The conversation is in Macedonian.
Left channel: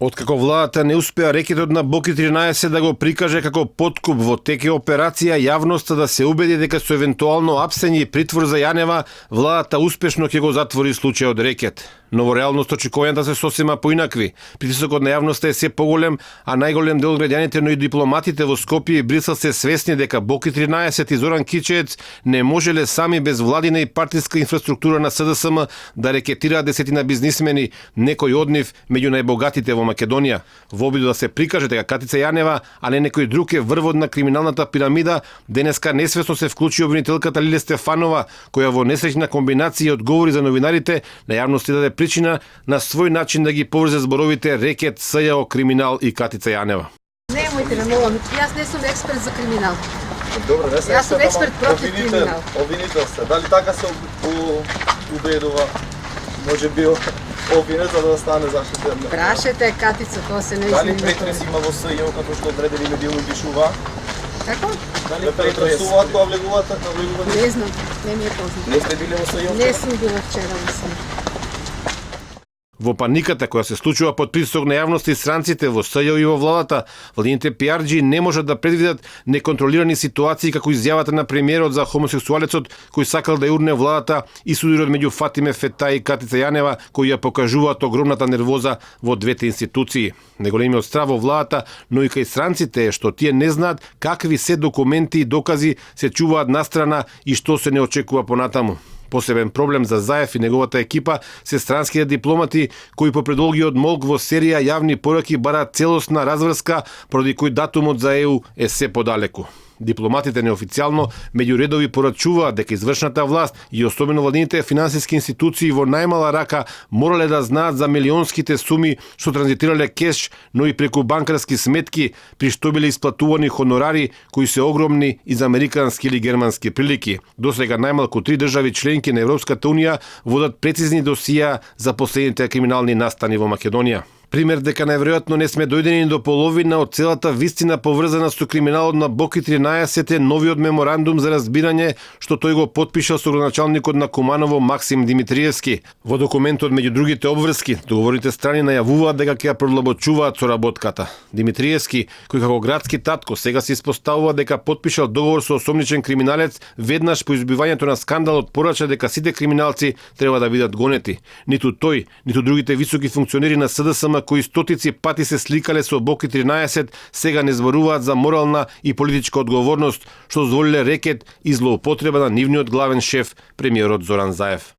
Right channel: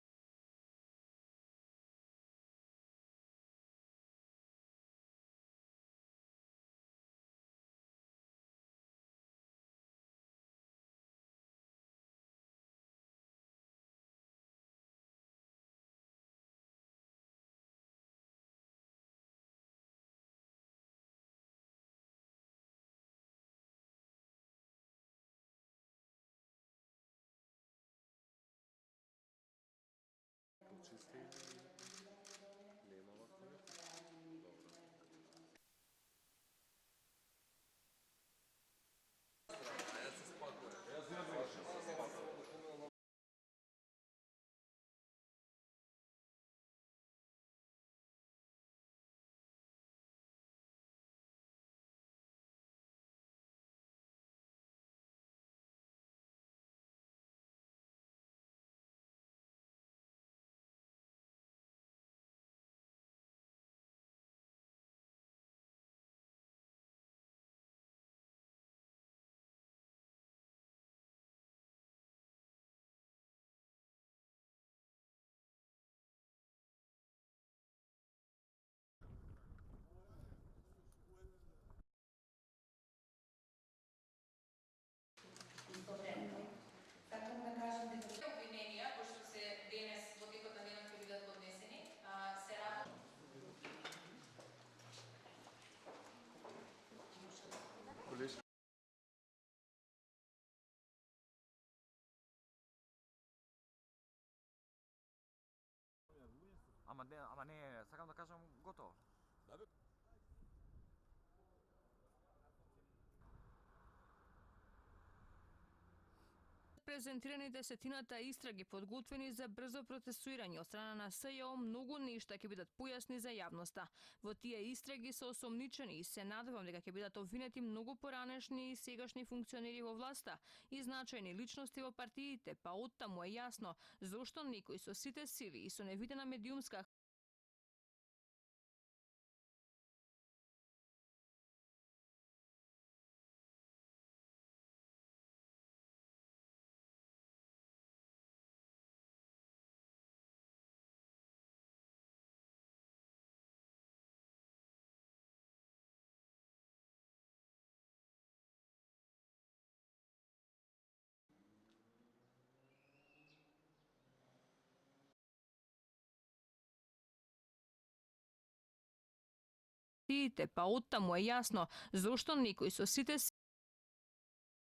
Откако владата не успеа рекетот на Боки 13 да го прикаже како подкуп во теке операција, јавноста да се убеди дека со евентуално апсење и притвор за Јанева, владата успешно ќе го затвори случајот рекет. Но во реалност очекувањата се сосема поинакви. Притисокот на јавноста е се поголем, а најголем дел од граѓаните, но и дипломатите во Скопје и Брисел се свесни дека Боки 13 и Зоран Кичеец не можеле сами без владина и партиска инфраструктура на СДСМ да рекетираат десетина бизнисмени, некој од нив меѓу најбогатите во Македонија. Во обиду да се прикаже дека Катица Јанева, а не некој друг е врвот на криминалната пирамида, денеска несвесно се вклучи обвинителката Лиле Стефанова, која во несреќна комбинација одговори за новинарите, на јавност даде причина на свој начин да ги поврзе зборовите рекет, СЈО, криминал и Катица Јанева. Немојте ме молам, јас не сум експерт за криминал. Добре, не се Јас сум експерт против криминал. Обвинител се. Дали така се убедува? Може би обвинет за да стане заштитен? Прашете Катица, тоа се не Дали измени. претрес има во СЈО како што одредени медиуми пишува? Како? Дали претресуваат кога влегуваат? Не знам, не ми е познато. Не сте биле во СЈО? Не сум била вчера, мислам. Во паниката која се случува под притисок на јавноста и странците во СЈО и во владата, владините пиарџи не можат да предвидат неконтролирани ситуации како изјавата на премиерот за хомосексуалецот кој сакал да јурне владата и судирот меѓу Фатиме Фетај и Катица Јанева кои ја покажуваат огромната нервоза во двете институции. Неголемиот страв во владата, но и кај странците е што тие не знаат какви се документи и докази се чуваат настрана и што се не очекува понатаму. Посебен проблем за Заев и неговата екипа се странските дипломати кои по предолгиот молк во серија јавни пораки бараат целосна разврска, поради кој датумот за ЕУ е се подалеку. Дипломатите неофицијално меѓу редови порачуваат дека извршната власт и особено владините финансиски институции во најмала рака морале да знаат за милионските суми што транзитирале кеш, но и преку банкарски сметки, при што биле исплатувани хонорари кои се огромни из американски или германски прилики. Досега најмалку 3 држави членки на Европската унија водат прецизни досија за последните криминални настани во Македонија. Пример дека најверојатно не сме дојдени до половина од целата вистина поврзана со криминалот на Боки 13 е новиот меморандум за разбирање што тој го потпишал со градоначалникот на Куманово Максим Димитриевски. Во документот меѓу другите обврски, договорите страни најавуваат дека ќе ја продлабочуваат соработката. Димитриевски, кој како градски татко сега се испоставува дека потпишал договор со осомничен криминалец, веднаш по избивањето на скандалот порача дека сите криминалци треба да бидат гонети. Ниту тој, ниту другите високи функционери на СДСМ кои стотици пати се сликале со Боки 13, сега не зборуваат за морална и политичка одговорност, што дозволиле рекет и злоупотреба на нивниот главен шеф, премиерот Зоран Заев.